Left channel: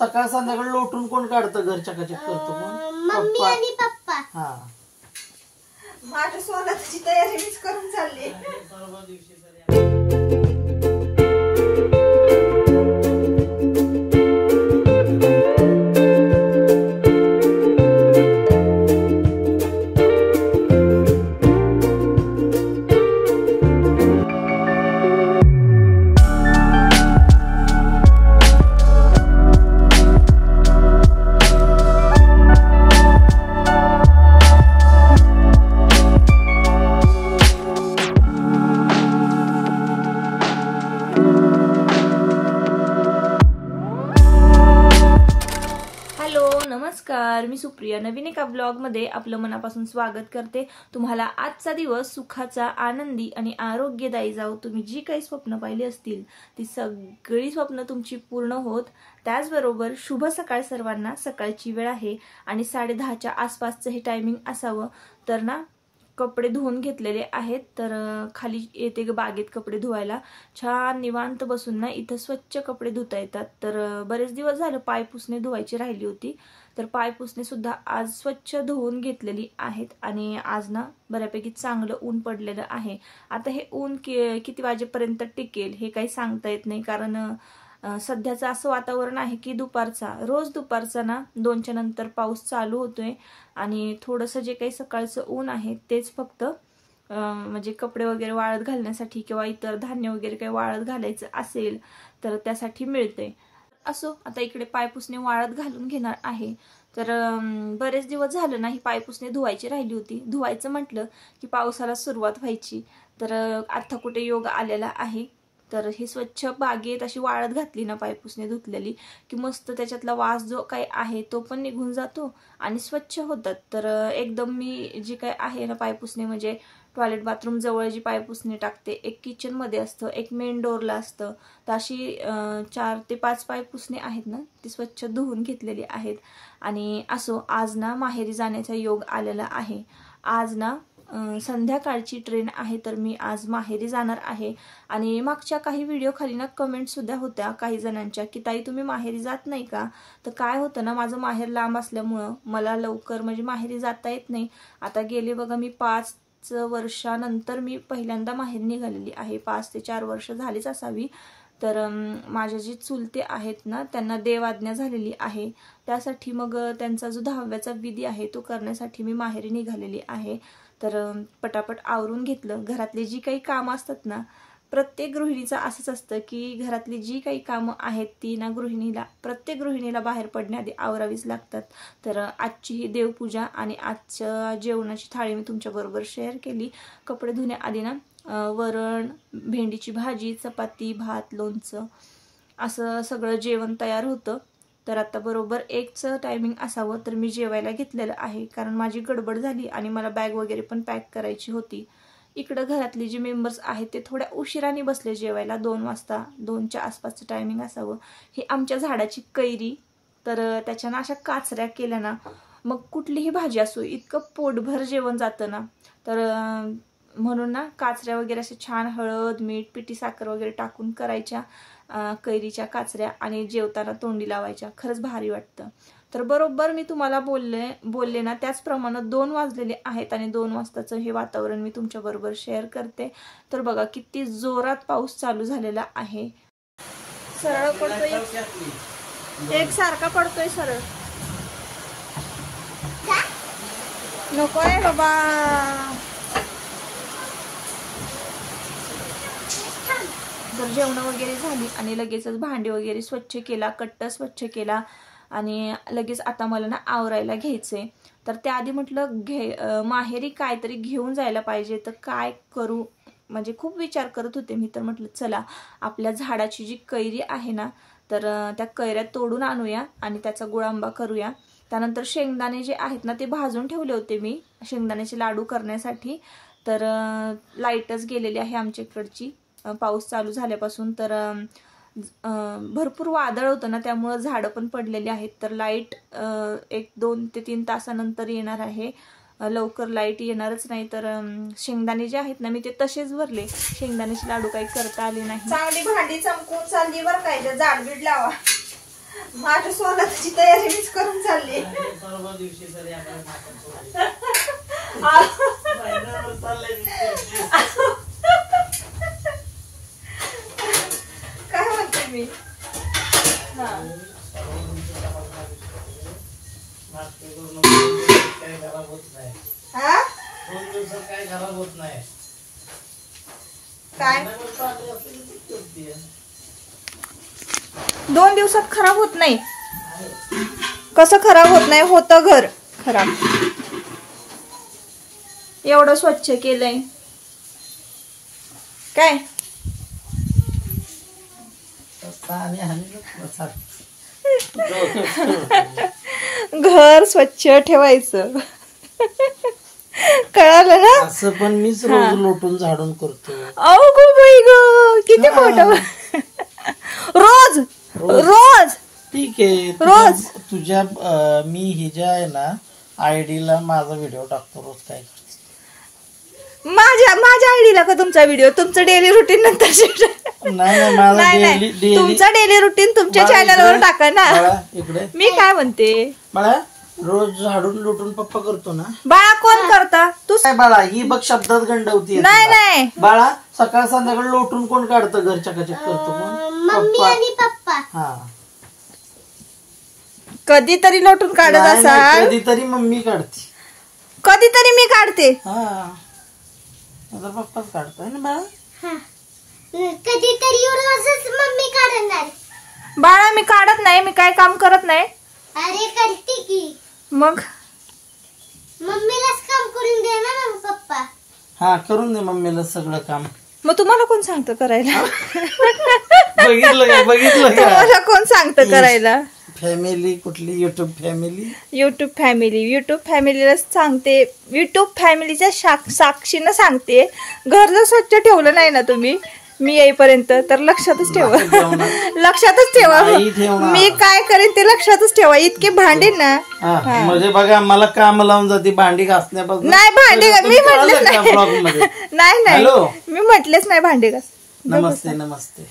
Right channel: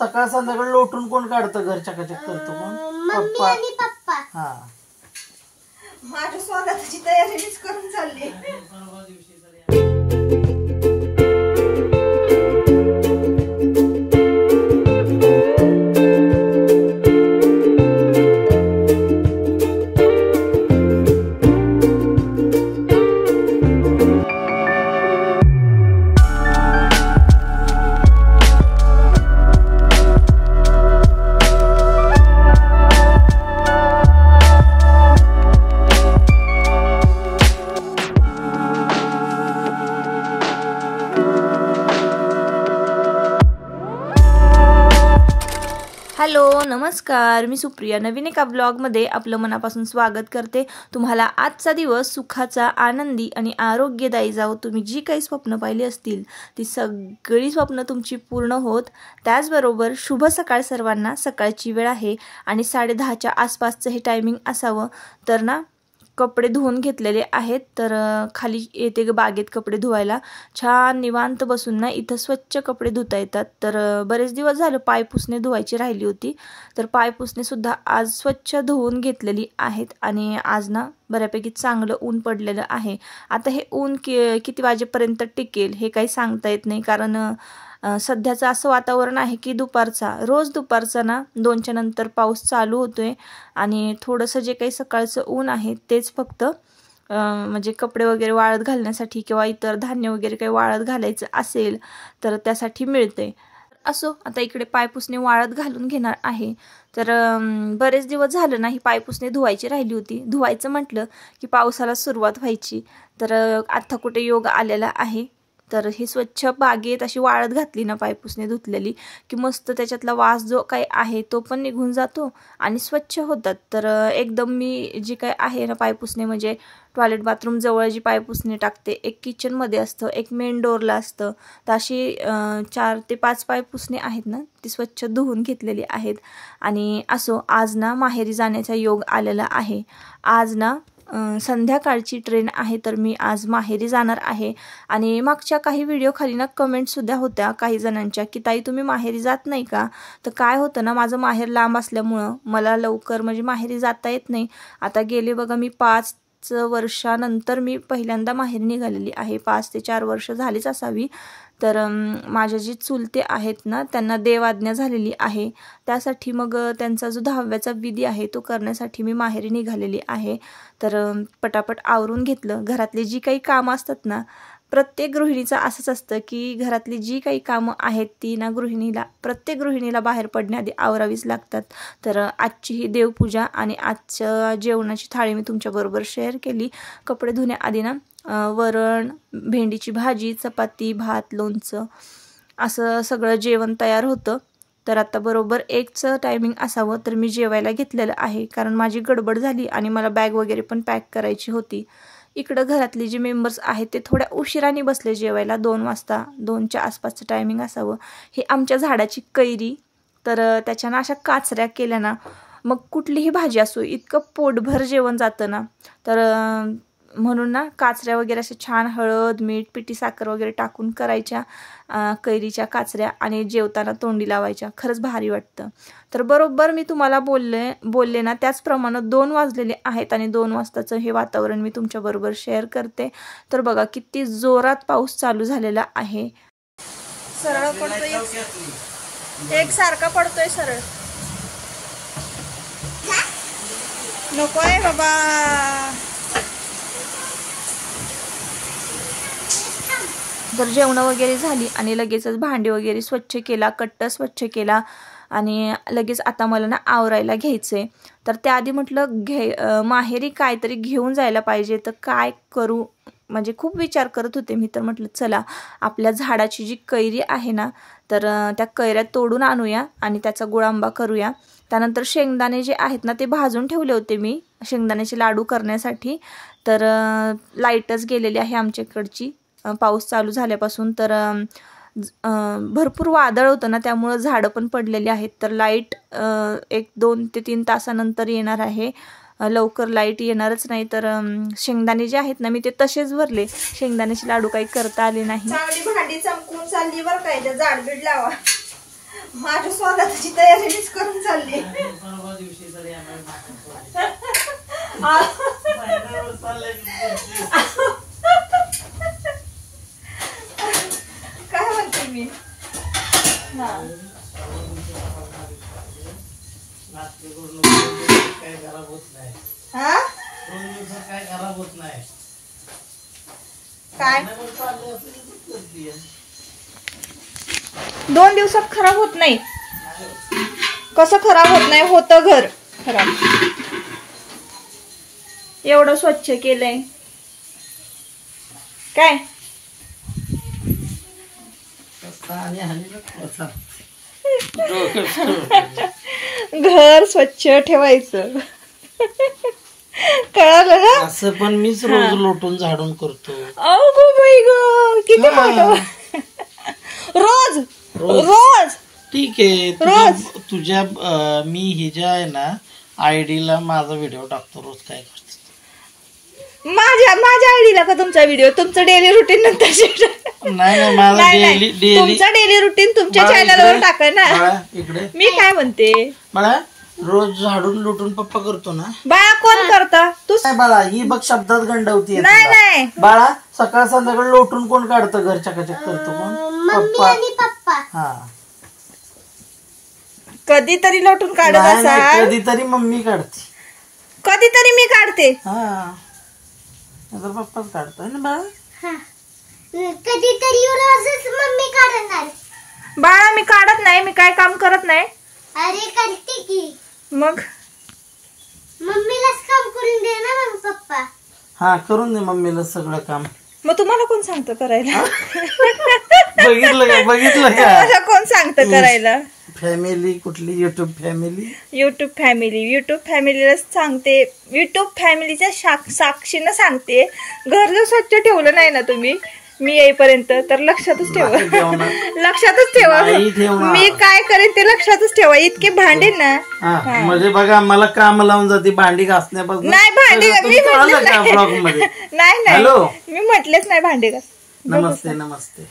सकाळ संध्याकाळ लोटून कोण काढतं, घर चकाचक करतो कोण? मम्मी आणि पप्पा. हा, माझ्या स्वतःची तयारी मीच करून चालली. हॅलो नमस्कार, मी सुप्रिया नवीन एका ब्लॉगमध्ये आपलं मनापासून स्वागत करते. तुम्हाला आजचा दिवस सुखाचा, आनंदी आणि आरोग्यदायी जावो. तुम्ही जी काही स्वप्न पाहिली असतील ती सगळी स्वप्न तुमची पूर्ण होत. त्याचबरोबर शुभ सकाळ सर्वांना. सकाळची वेळ आहे आणि 10:30च्या आसपासचं हे टायमिंग असावं. तर ना कपडे धुवून घेतलेले आहेत. तर खाली येते बागेत कपडे धुवायला. छान निवांत बसून ना इथं स्वच्छ कपडे धुता येतात. तर बरेच दिवस झालं पाय पुसणे धुवायची राहिली होती. तर पाय पुसणे सुद्धा आज स्वच्छ धुवून घेतलेली आहेत. आणि आज ना बऱ्यापैकी चांगलं ऊन पडलेलं आहे. आता हे ऊन किती वाजेपर्यंत टिकेल हे काही सांगता येत नाही. कारण सध्याचं असं वातावरण आहे की रोज दुपारचा ना 2च्या नंतर पाऊस चालू होतोय. आणि थोडंसं जे काही सकाळचं ऊन आहे तेच फक्त म्हणजे कपडे वगैरे वाळत घालण्यासाठी किंवा इतर धान्य वगैरे काही वाळत घालायचं असेल तर त्यासाठी मिळते. असो, आता इकडे पायपुसणे वाळत घालून घेणार आहे. तर बरेच दिवस झालं नाही पायपुसणे धुवायची राहिली होती. धुवायचं म्हटलं की पावसाला सुरुवात व्हायची. तर आता कुठे योग आलेला आहे. तर ही स्वच्छ बागेत अशी वाळत घातली ना पायपुसणे धुतलेली की मस्त त्याच्यातला वास जो काही आहे तो पण निघून जातो आणि स्वच्छ होतात. तर एकदम मी जी काही आहे ना पायपुसणे म्हणजे टॉयलेट बाथरूम जवळ जी पायपुसणे टाकते, एक किचनमध्ये असतं, एक मेन डोअरला असतं. तर अशी 4 ते 5 पायपुसणे आहेत ना ती स्वच्छ धुवून घेतलेली आहेत. आणि असो, आज ना माहेरी जाण्याचा योग आलेला आहे. आज ना संध्याकाळची ट्रेन आहे. तर मी आज माहेरी जाणार आहे. आणि मागच्या काही व्हिडिओ खाली ना कमेंटसुद्धा होत्या काही जणांच्या की ताई तुम्ही माहेरी जात नाही का? तर काय होतं ना, माझं माहेर लांब असल्यामुळं मला लवकर म्हणजे माहेरी जाता येत नाही. आता गेले बघा मी 5 वर्षानंतर मी पहिल्यांदा माहेरी निघालेली आहे. 5 ते 4 वर्ष झालीच असावी. तर माझ्या जी चुलते आहेत ना त्यांना देवाज्ञा झालेली आहे. त्यासाठी मग त्यांचा जो 10व्याचा विधी आहे तो करण्यासाठी मी माहेरी निघालेली आहे. तर पटापट आवरून घेतलं. घरातली जी काही कामं असतात ना, प्रत्येक गृहिणीचं असंच असतं की घरातली जी काही कामं आहेत ती ना प्रत्येक गृहिणीला बाहेर पडण्याआधी आवरावीच लागतात. तर आजची ही देवपूजा आणि आजच्या जेवणाची थाळी मी तुमच्याबरोबर शेअर केली. कपडे धुण्याआधी ना वरण, भेंडीची भाजी, चपाती, भात, लोणचं असं सगळं जेवण तयार होतं. तर आता बरोबर 1चं टायमिंग असावं. तर मी जेवायला घेतलेलं आहे कारण माझी गडबड झाली आणि मला बॅग वगैरे पण पॅक करायची होती. इकडं घरातली जी मेंबर्स आहेत ते थोड्या उशिराने बसले जेवायला. 2 वाजता, 2च्या आसपासचं टायमिंग असावं. हे आमच्या झाडाची कैरी. तर त्याच्यानं अशा काचऱ्या केल्या ना मग कुठलीही भाजी असो इतकं पोटभर जेवण जातं ना. तर म्हणून ना काचऱ्या वगैरे अशा छान हळद, मीठ, पिठी साखर वगैरे टाकून करायच्या कैरीच्या काचऱ्या आणि जेवताना तोंडी लावायच्या. खरंच भारी वाटतं. तर बरोबर मी तुम्हाला बोलले ना त्याचप्रमाणे 2 वाजलेले आहेत आणि 2 वाजताचं हे वातावरण मी तुमच्याबरोबर शेअर करते. तर बघा किती जोरात पाऊस चालू झालेला आहे. सरळ पडतोय, एकसारखा पडतोय सरळ. नकोय बाबा. तर जेवणं वगैरे झाली आणि लगेचच भांडी वगैरे स्वच्छ केला, कट्टा स्वच्छ केला आणि लगेच आता मला ना आवरायला घ्यायचंय. तर त्याआधी म्हटलं माहेरी काहीतरी घेऊन जायला पाहिजे. तर काय करू म्हणजे खूप विचार करत होते मी. तर म्हटलं चला आपल्या झाडाची जी कैरी आहे ना तर त्या कैऱ्या तोडून आणूया आणि त्याचा गुळांबा करूया. त्यानंतर शेंगदाणे जे आहेत ना ते भाजून ठेवले होते मी शेंगदाण्याचे लाडू करण्यासाठी. तर लाईटच गेलेली आहे आमच्याकडची पाऊस चालू झाल्यापासून. तर भरपूर वादळ होतं ना त्यामुळं झाडं पण पडलेली आहेत. तर लाईट 1-2 ते 3 तासानंतर येणार आहे. लवकर लाईट येणारच नाही. तर शेंगदाणे जे आहेत ना मी ते तसेच भरले. शेंगदाण्याचे लाडू काही करता आले नाही. चांगली भांडी चमकून चालली बरं काय. जाडबीड लावा. माझ्या स्वागताची तयारी मीच करून चालली. परवा दिवशी तरी आम्हाला काय म्हणते मी. काय खराब होत नाही. हा 2 दिवसात काय खराब होत नाही. काय 2 दिवसात खराब होत नाही. कसं खराब होत नाही, होतं घर खराब. एवढं स्वच्छ केलंय काय. घर स्वच्छ ठेवायचं. कळालं ना. असं पण मीच रोज लोटून झाडून करतो. अहो गो बाई ग, किती मोठं. रोज रोज ठीक आहे. रोज तुझ्या मी ही जे आहे ना आयडीला माझा व्हिडिओ टाकतो रोज काय करतो. माझ्या आयडीला का तुमचा व्हिडिओ. तुमचं डेली रुटीन नंतर नाही माझा डेली तुमचा डेली रुटीन तुमच्या चॅनलवर टाका ना. इकडे मी काय म्हणते, बाळा रोज झाडून लुटून पप्पा करतो ना. बाळा कोण करता तू. काय बाळा ही बघ शब्दात गंडवती. नाही बाळा सकाळ संध्याकाळ लोटून कोण काढतं घरच्या कचक करतो कोण. पप्पा. हा कधीतरी लोटून काढत असाल. कधीतरी मम्मी काढते. कधीतरी मी काढते. हा पप्पाच काढतोय ना बाळा. कधीतरी रोजच मम्मी काढणार. बाळा मी काढत नाही. मी काय काम करत नाही. अरे करते की. मग मम्मीलाच काम करून दे ना मग पप्पा. हा करून दे मम्मीला सगळं काम. मग तुम्हाला कोण सांगतं करायला. बघितलं का तुम्हाला कोण सांगतं करायला. फॅमिली कुठली युट्यूब फॅमिलीला सांगते. युट्यूब फॅमिलीच्या साक्षीनं सांगते. घर जर स्वच्छ ठेवलं नाही ना तुम्ही मी येईपर्यंत तर लक्षातच ठेवा. लक्षातच ठेवा. मी काय करेन ते लक्षातच ठेवा. इतके भांडे ना. म्हणजे बघा मला काम लावून जाते भांडी घासण्यापासून. नाही भांडी मी ब्लॉग मध्ये नाही हॅलो मी म्हटलेच नाही भांडी घास. नमस्ते नमस्ते.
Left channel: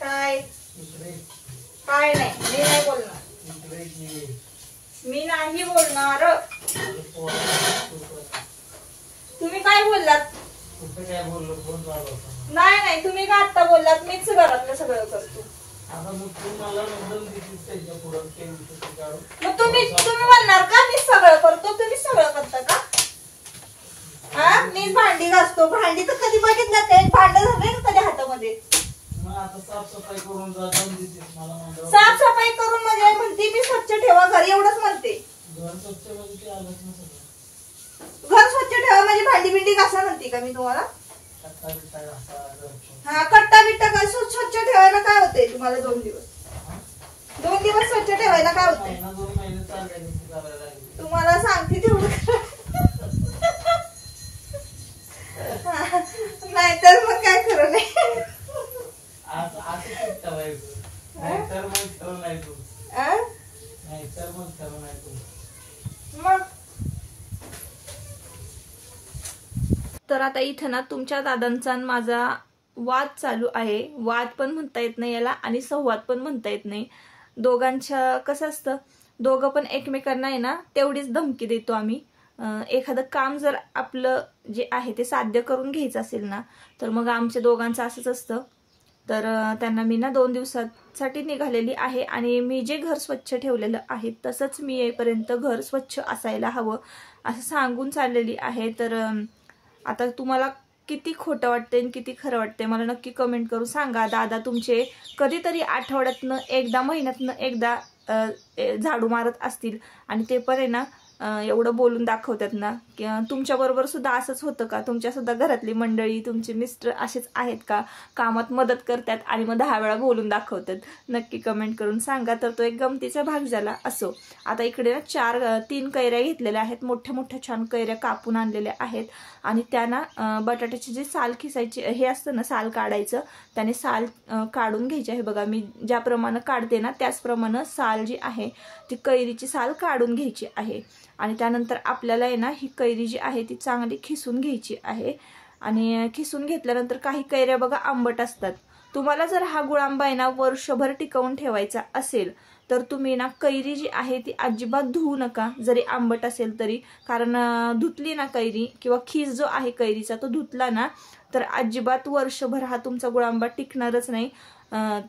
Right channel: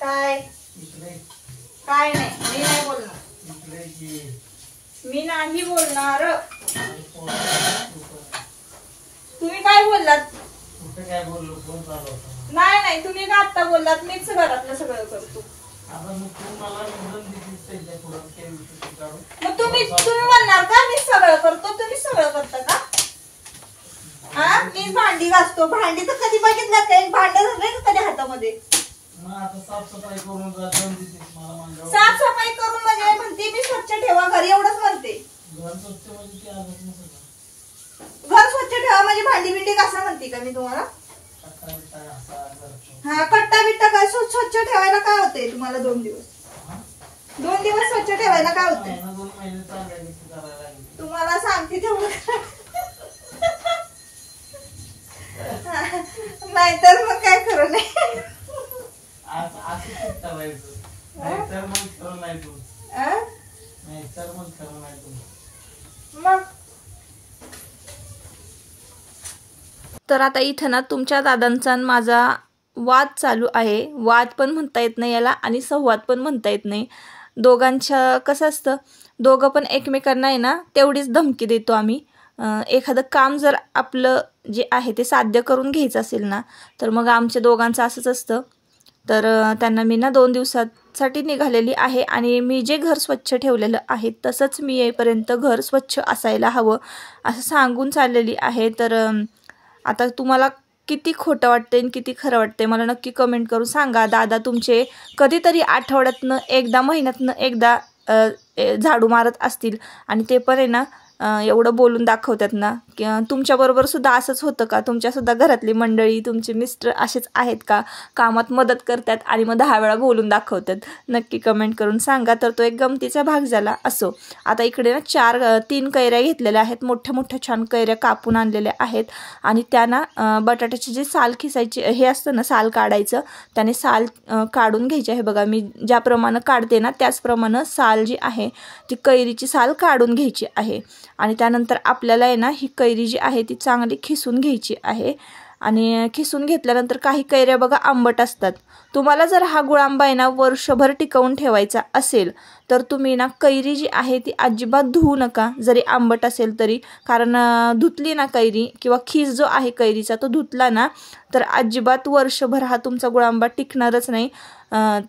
काय काय नाही. मी नाही बोलणार. मी नाही बोलणार. तुम्ही काय बोललात. काय बोललो कोण चालू. नाही तुम्ही का आता बोललात. मीच घरातलं सगळं करतो. मग तुम्ही म्हणणार का मी सगळं करतो. तुम्ही सगळं करता का. हा मीच भांडी घासतो. भांडी तर कधी बघितलं काही भांड झालंय का कधी हातामध्ये. साफसफाई करून म्हणजे म्हणते मी स्वच्छ ठेवा घर एवढंच म्हणते. घर स्वच्छ ठेवा म्हणजे भांडी बिंडी घासा म्हणते का मी तुम्हाला. हा कट्टा बिट्टा काय स्वच्छ ठेवायला काय होतंय तुम्हाला. 2 दिवस स्वच्छ ठेवायला काय होतंय. तुम्हाला सांगते तेवढं. नाहीतर मग काय खरं नाही. तर आता इथं ना तुमच्या दादांचा माझा वाद चालू आहे. वाद पण म्हणता येत नाही याला आणि संवाद पण म्हणता येत नाही. दोघांच्या कसं असतं दोघं पण एकमेकांना आहे ना तेवढीच धमकी देतो आम्ही. एखादं काम जर आपलं जे आहे ते साध्य करून घ्यायचं असेल ना तर मग आमच्या दोघांचं असंच असतं. तर त्यांना मी ना 2 दिवसासाठी निघालेली आहे आणि मी जे घर स्वच्छ ठेवलेलं आहे तसंच मी येईपर्यंत घर स्वच्छ असायला हवं असं सांगून चाललेली आहे. तर आता तुम्हाला किती खोटं वाटते आणि किती खरं वाटते मला नक्की कमेंट करून सांगा. दादा तुमचे कधीतरी आठवड्यातनं एकदा महिन्यातनं एकदा झाडू मारत असतील आणि ते पण आहे ना एवढं बोलून दाखवतात ना की तुमच्याबरोबर सुद्धा असंच होतं का. तुमच्यासुद्धा घरातली मंडळी तुमचे मिस्टर असेच आहेत का कामात मदत करतात आणि मग 10 वेळा बोलून दाखवतात. नक्की कमेंट करून सांगा. तर तो एक गमतीचा भाग झाला. असो आता इकडे ना 3 कैऱ्या घेतलेल्या आहेत. मोठ्या मोठ्या छान कैऱ्या कापून आणलेल्या आहेत आणि त्यांना बटाट्याची जी साल खिसायची हे असतं ना साल काढायचं त्याने साल काढून घ्यायची आहे. बघा मी ज्याप्रमाणे काढते ना त्याचप्रमाणे साल जी आहे ती कैरीची साल काढून घ्यायची आहे आणि त्यानंतर आपल्याला आहे ना ही कैरी जी आहे ती चांगली खिसून घ्यायची आहे. आणि खिसून घेतल्यानंतर काही कैऱ्या बघा आंबट असतात. तुम्हाला जर हा गुळांबा आहे ना वर्षभर टिकवून ठेवायचा असेल तर तुम्ही ना कैरी जी आहे ती अजिबात धुवू नका, जरी आंबट असेल तरी. कारण धुतली ना कैरी किंवा खीस जो आहे कैरीचा तो धुतला ना तर अजिबात वर्षभर हा तुमचा गुळांबा टिकणारच नाही.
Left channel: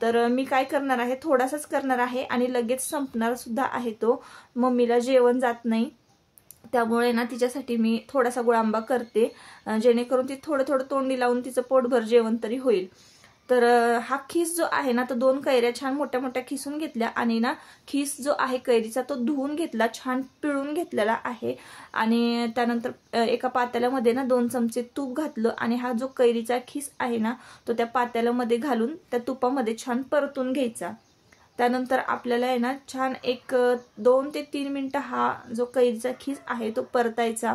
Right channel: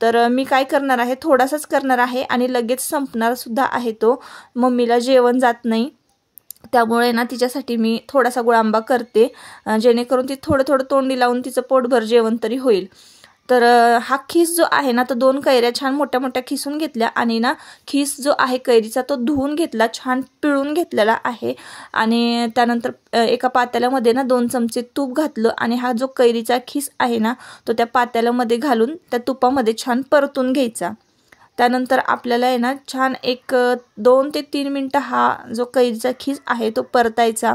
तर मी काय करणार आहे, थोडासाच करणार आहे आणि लगेच संपणार सुद्धा आहे तो. मम्मीला जेवण जात नाही त्यामुळे ना तिच्यासाठी मी थोडासा गुळांबा करते, जेणेकरून ती थोडं थोडं तोंडी लावून तिचं पोटभर जेवण तरी होईल. तर हा खीस जो आहे ना तो 2 कैऱ्या छान मोठ्या मोठ्या खिसून घेतल्या आणि ना खीस जो आहे कैरीचा तो धुवून घेतला, छान पिळून घेतलेला आहे. आणि त्यानंतर एका पातेल्यामध्ये ना 2 चमचे तूप घातलं आणि हा जो कैरीचा खीस आहे ना तो त्या पातेल्यामध्ये घालून त्या तुपामध्ये छान परतून घ्यायचा. त्यानंतर आपल्याला आहे ना छान एक 2 ते 3 मिनटं हा जो कैरीचा खीस आहे तो परतायचा.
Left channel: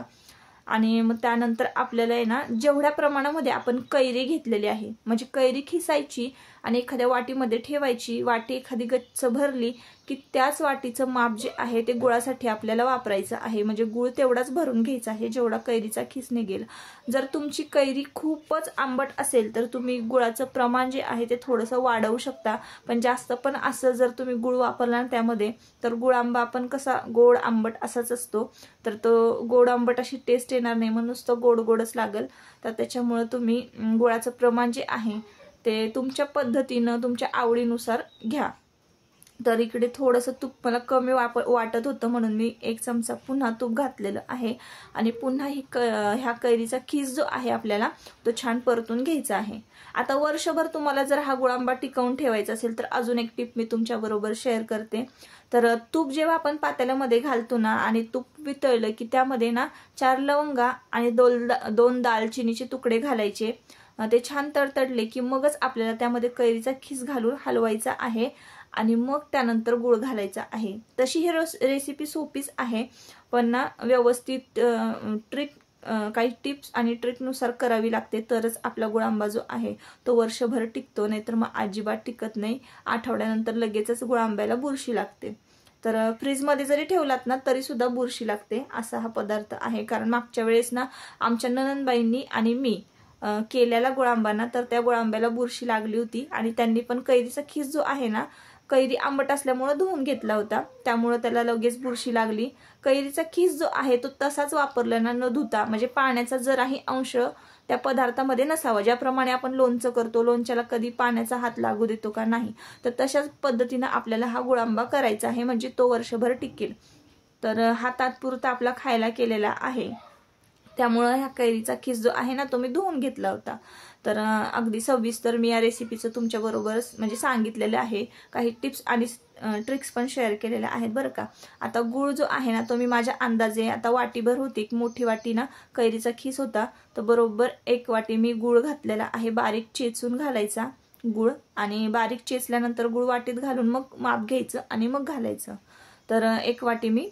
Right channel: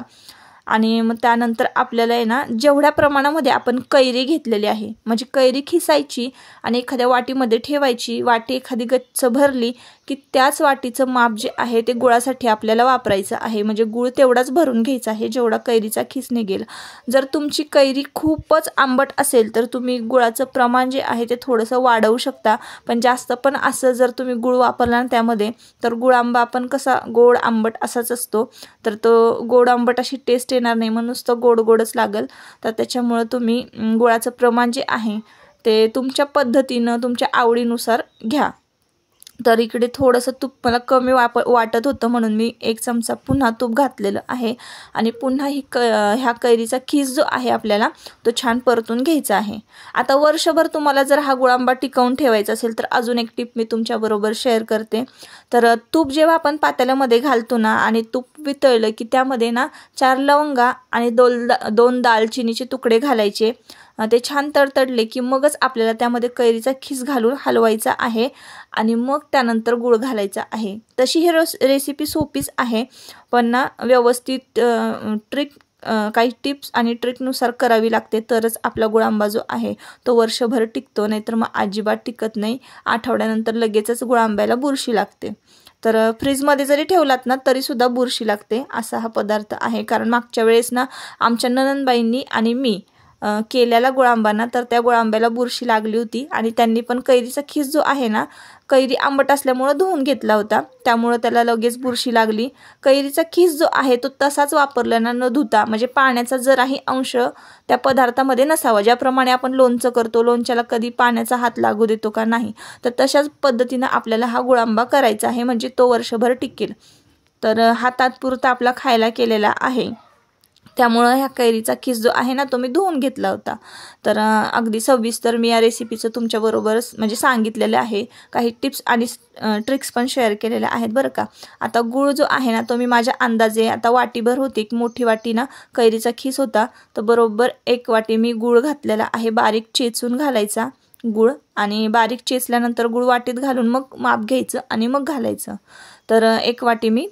आणि मग त्यानंतर आपल्याला आहे ना जेवढ्या प्रमाणामध्ये आपण कैरी घेतलेली आहे म्हणजे कैरी खिसायची आणि एखाद्या वाटीमध्ये ठेवायची. वाटी एखादी गच्च भरली की त्याच वाटीचं माप जे आहे ते गुळासाठी आपल्याला वापरायचं आहे. म्हणजे गुळ तेवढाच भरून घ्यायचा आहे जेवढा कैरीचा खीस निघेल. जर तुमची कैरी खूपच आंबट असेल तर तुम्ही गुळाचं प्रमाण जे आहे ते थोडंसं वाढवू शकता. पण जास्त पण असं जर तुम्ही गुळ वापरला ना त्यामध्ये तर गुळांबा आपण कसा गोड आंबट असाच असतो, तर तो गोड आंबट अशी टेस्ट येणार नाही, म्हणून नुसतं गोड गोडच लागेल. तर त्याच्यामुळं तुम्ही गुळाचं प्रमाण जे आहे ते तुमच्या पद्धतीनं तुमच्या आवडीनुसार घ्या. तर इकडे थोडंसं तूप मला कमी वाटत होतं म्हणून मी 1 चमचा पुन्हा तूप घातलेलं आहे. आणि पुन्हा ह्या कैरीचा खीस जो आहे आपल्याला तो छान परतून घ्यायचा आहे. आता वर्षभर तुम्हाला जर हा गुळांबा टिकवून ठेवायचा असेल तर अजून एक टिप मी तुमच्याबरोबर शेअर करते. तर तूप जेव्हा आपण पातेल्यामध्ये घालतो ना आणि तूप वितळलं की त्यामध्ये ना 4 लवंगा आणि 2 दालचिनीचे तुकडे घालायचे. ते छान तडतडले की मगच आपल्याला त्यामध्ये कैरीचा खीस घालून हलवायचा आहे आणि मग त्यानंतर गूळ घालायचा आहे. तशी ही रेसिपी सोपीच आहे, पण ना व्यवस्थित काही टिप्स आणि ट्रिकनुसार करावी लागते तरच आपला गुळांबा जो आहे तो वर्षभर टिकतो, नाहीतर मग अजिबात टिकत नाही. आठवड्यानंतर लगेचच गुळांब्याला बुरशी लागते. तर फ्रीजमध्ये जरी ठेवलात ना तरीसुद्धा बुरशी लागते असा हा पदार्थ आहे. कारण मागच्या वेळेस ना आमच्या नणंदबाईंनी आणि मी केलेला गुळांबाना तर त्या गुळांब्याला बुरशी लागली होती आणि त्यांनी पण कैरीचा खीस जो आहे ना कैरी आंबट असल्यामुळं धुवून घेतला होता, त्यामुळं त्याला लगेच बुरशी लागली. कैरीचा खीस जो आहे तो तसाच वापरला ना न धुता, म्हणजे पाण्याचा जराही अंश त्या पदार्थामध्ये नसावा. ज्याप्रमाणे आपण लोणचं करतो, लोणच्याला कधी पाण्याचा हात लागू देतो का नाही, तर तशाच पद्धतीनं आपल्याला हा गुळांबा करायचा आहे, म्हणजे तो वर्षभर टिकेल. तर हा तात्पुरता आपला खायला केलेला आहे, त्यामुळं ह्या कैरीचा खीस जो आहे ना तो मी धुवून घेतला होता. तर अगदी सविस्तर मी या रेसिपीचं तुमच्याबरोबरच म्हणजे सांगितलेलं आहे. काही टिप्स आणि ट्रिक्स पण शेअर केलेल्या आहेत बरं का. आता गूळ जो आहे ना तो मी माझ्या अंदाजे आता वाटीभर होती, एक मोठी वाटी ना कैरीचा खीस होता, तर बरोबर 1 वाटी मी गूळ घातलेला आहे. बारीक चेचून घालायचा गूळ आणि बारीक चेचल्यानंतर गूळ वाटीत घालून मग माप घ्यायचं आणि मग घालायचं. तर 1 वाटी मी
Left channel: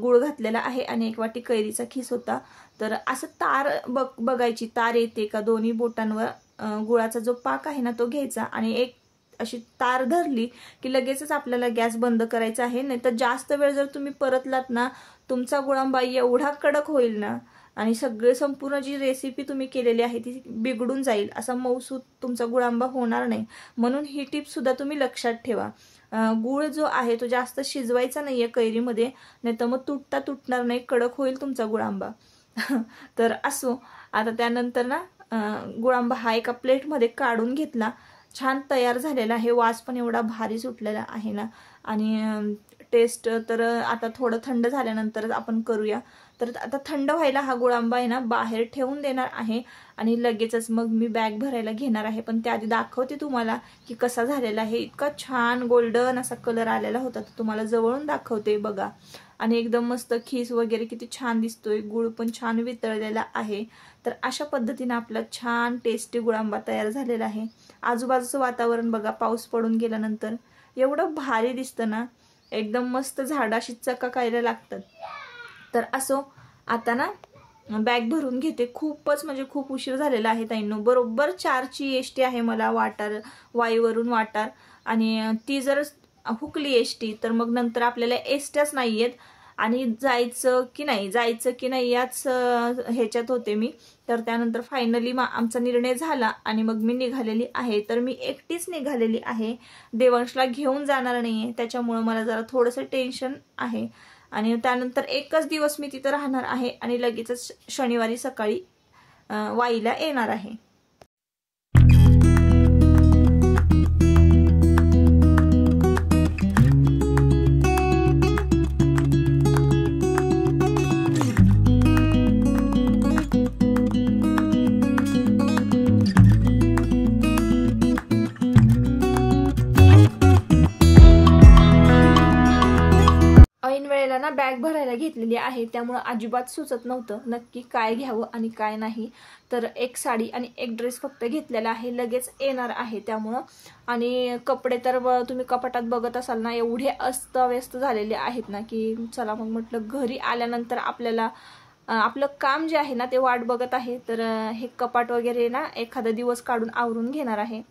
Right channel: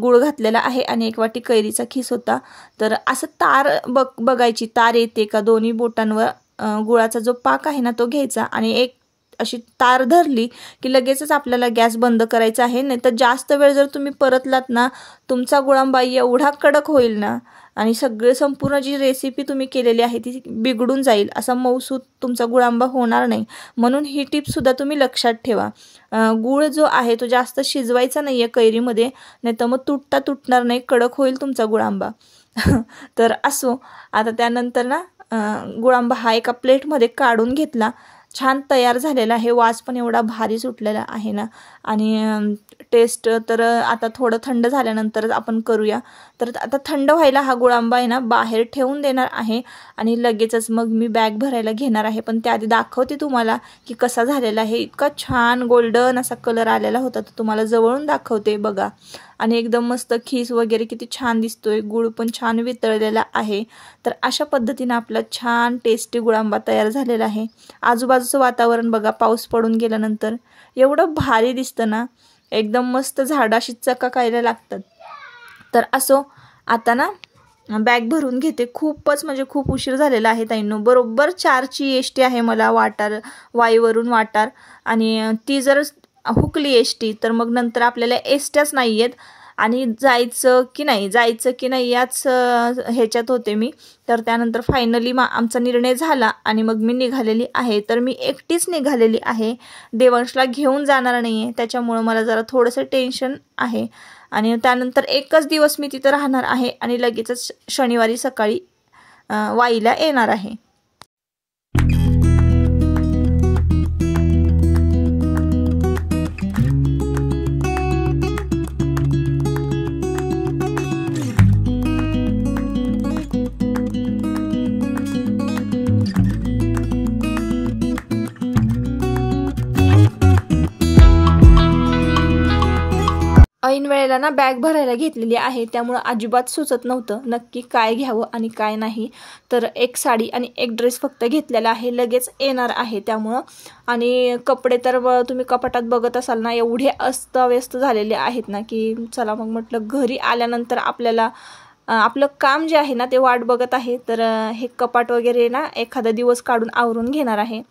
गूळ घातलेला आहे आणि 1 वाटी कैरीचा खीस होता. तर असं तार बघायची, तार येते का दोन्ही बोटांवर गुळाचा जो पाक आहे ना तो घ्यायचा आणि एक अशी तार धरली की लगेचच आपल्याला गॅस बंद करायचा आहे. नाही तर जास्त वेळ जर तुम्ही परतलात ना तुमचा गुळांबा एवढा कडक होईल ना आणि संपूर्ण जी रेसिपी तुम्ही केलेली आहे ती बिघडून जाईल, असा मऊसूत तुमचा गुळांबा होणार नाही. म्हणून ही टिपसुद्धा तुम्ही लक्षात ठेवा. गूळ जो आहे तो जास्त शिजवायचा नाही आहे कैरीमध्ये, नाही तर मग तुटणार नाही, कडक होईल तुमचा गुळांबा. तर असो, आता त्यानंतर ना गुळांबा हा एका प्लेटमध्ये काढून घेतला. छान तयार झालेला आहे, वास पण एवढा भारी सुटलेला आहे ना. आणि टेस्ट तर आता थोडं थंड झाल्यानंतरच आपण करूया. तर आता थंड व्हायला हा गुळांबा आहे ना बाहेर ठेवून देणार आहे आणि लगेचच मग मी बॅग भरायला घेणार आहे. पण त्याआधी दाखवते तुम्हाला की कसा झालेला आहे. इतका छान गोल्डन असा कलर आलेला होता, तर तुम्हाला जवळून दाखवते बघा. आणि एकदम मस्त खीस वगैरे किती छान दिसतोय, गुळ पण छान वितळलेला आहे. तर अशा पद्धतीने आपला छान टेस्टी गुळांबा तयार झालेला आहे. आजूबाजूचं वातावरण बघा, पाऊस पडून गेल्यानंतर एवढं भारी दिसतं ना, एकदम मस्त झाडाशी चकाकायला लागतात. तर असो, आता ना बॅग भरून घेते. खूपच म्हणजे खूप उशीर झालेला आहे ताईंनो. बरोबर 4ची एसटी आहे मला वाईवरून वाटार, आणि ती जर हुकली एसटी तर मग नंतर आपल्याला एसट्याच नाही आहेत. आणि जायचं की नाही याच ह्याच्यात होते मी. तर त्यानंतर फायनली आमचा निर्णय झाला आणि मग मी निघालेली आहे. तर मी एकटीच निघालेली आहे, देवांशला घेऊन जाणार नाही आहे, त्याच्यामुळं मला जरा थोडंसं टेन्शन आहे. आणि त्यानंतर एकच दिवस मी तिथं राहणार आहे आणि लगेचच शनिवारी सकाळी वाईला येणार आहे. ऐन वेळेला ना बॅग भरायला घेतलेली आहे, त्यामुळं अजिबात सुचत नव्हतं नक्की काय घ्यावं आणि काय नाही. तर एक साडी आणि एक ड्रेस फक्त घेतलेला आहे, लगेच येणार आहे त्यामुळं. आणि कपडे तर तुम्ही कपाटात बघत असाल ना, एवढे अस्ताव्यस्त झालेले आहेत ना की चला मग म्हटलं घरी आल्यानंतर आपल्याला आपलं काम जे आहे ना ते वाट बघत आहे. तर हे कपाट वगैरे ना एखादा दिवस काढून आवरून घेणार आहे.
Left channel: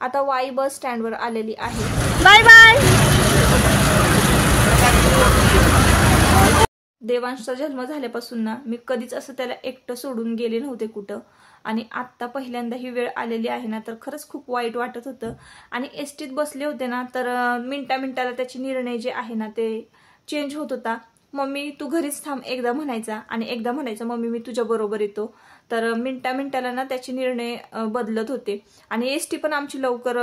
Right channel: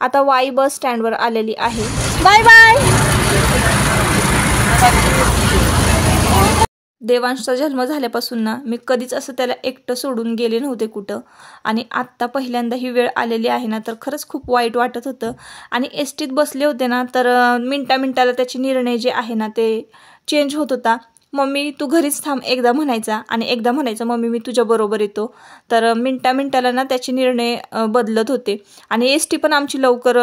आता वाई बस स्टँडवर आलेली आहे. Bye bye. देवांशचा जन्म झाल्यापासून ना मी कधीच असं त्याला एकटं सोडून गेले नव्हते कुठं. आणि आत्ता पहिल्यांदा ही वेळ आलेली आहे ना, तर खरंच खूप वाईट वाटत होतं. आणि एसटीत बसले होते ना, तर मिनटाला त्याचे निर्णय जे आहे ना ते चेंज होत होता. मम्मी तू घरीच थांब एकदा म्हणायचा आणि एकदा म्हणायचं मम्मी मी तुझ्याबरोबर येतो. तर मिनटाला ना त्याचे निर्णय बदलत होते. आणि एसटी पण आमची लवकर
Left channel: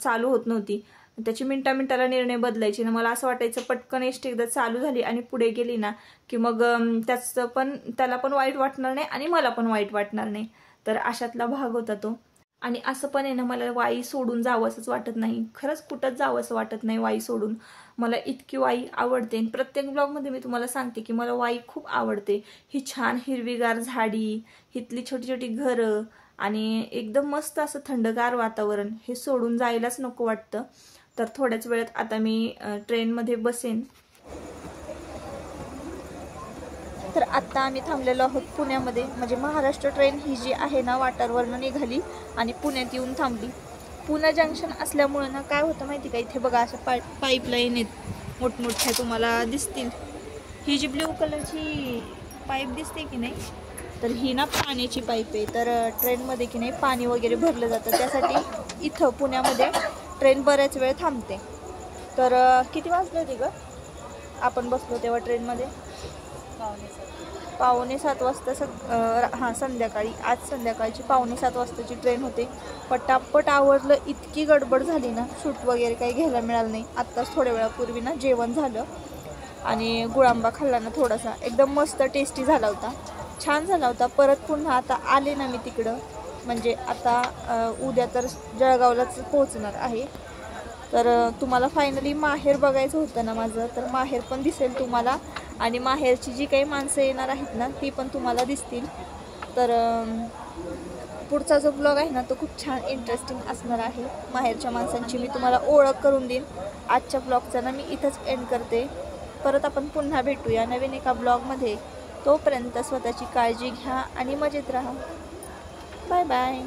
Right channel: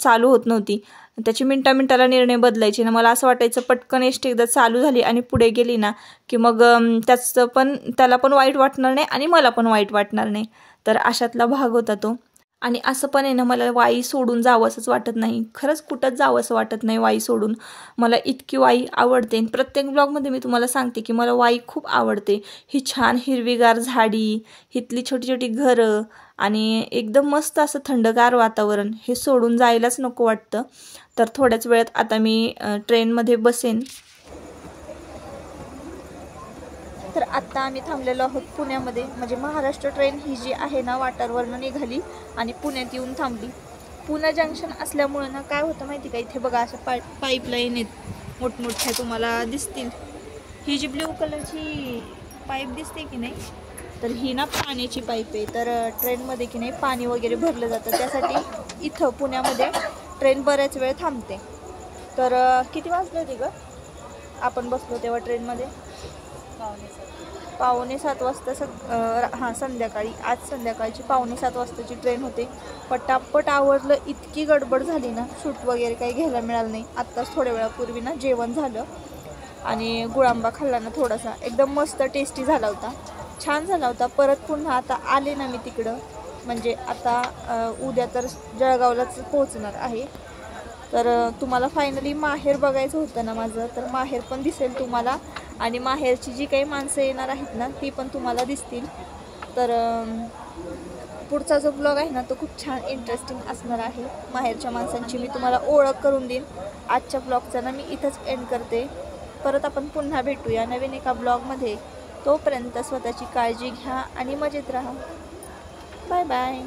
चालू होत नव्हती, त्याची मिनटाला निर्णय बदलायचे ना. मला असं वाटायचं पटकन एसटी एकदा चालू झाली आणि पुढे गेली ना की मग त्याला पण वाईट वाटणार नाही आणि मला पण वाईट वाटणार नाही. तर अशातला भाग होता तो. आणि असं पण आहे ना, मला वाई सोडून जावंसंच वाटत नाही, खरंच कुठंच जावंसं वाटत नाही वाई सोडून. मला इतकी वाई आवडते. प्रत्येक ब्लॉगमध्ये मी तुम्हाला सांगते की मला वाई खूप आवडते. ही छान हिरवीगार झाडी, इथली छोटी छोटी घरं आणि एकदम मस्त असं थंडगार वातावरण, हे सोडून जायलाच नको वाटतं. तर थोड्याच वेळात आता मी ट्रेनमध्ये बसेन. तर आत्ता आम्ही थांबलेलो आहोत पुण्यामध्ये. म्हणजे महाराष्ट्र ट्रेन ही जी आहे ना वाटारवरनं निघाली आणि पुण्यात येऊन थांबली. पुणे जंक्शन असल्यामुळं ना काय होतं माहिती का, इथे बघा असं पाईपलाईन आहेत मोठमोठ्या, तुम्हाला दिसतील. ही जी ब्ल्यू कलरची पाईप दिसते की नाही, तर ही ना पाण्याची पाईप आहे. तर ट्रेनमध्ये की नाही पाणी वगैरे भरलं जातं, त्यासाठी इथं पुण्यामध्ये ट्रेन बऱ्याच वेळ थांबते. तर किती वाजले होते गं आपण बसलो तेव्हा ट्रेनमध्ये? 6:45 वाजता संध्याकाळी. आज संध्याकाळची 6:45 वाजताची ट्रेन होते. पटापट आवरलं, इतकी गडबड झाली ना, शूट वगैरे काही घ्यायला मिळालं नाही. आत्ताच थोड्या वेळापूर्वी ना जेवण झालं आणि गुळांबा खाल्ला ना थोडासा, एकदम मस्त टेस्टी झाला होता, छान झाला होता. परत पुन्हा आता आले ना मी तिकडं, म्हणजे आता उद्या तर जळगावलाच पोहोचणार आहे. तर तुम्हाला फायनली माहेर बघायचं होतं ना माझं, तर माहेर पण दिसेल तुम्हाला आणि माहेरची जी काही माणसं येणार आहेत ना ती पण तुम्हाला दिसतील. तर पुढचा जो ब्लॉग आहे ना तो खूप छान इंटरेस्टिंग असणार आहे. माहेरच्या माणसांची मी तुम्हाला ओळख करून देईन. आजच्या ब्लॉगचा ना मी इथंच एंड करते. परत आपण पुन्हा भेटूया नवीन एका ब्लॉगमध्ये. तोपर्यंत स्वतःची काळजी घ्या आणि मजेत राहा. Bye bye.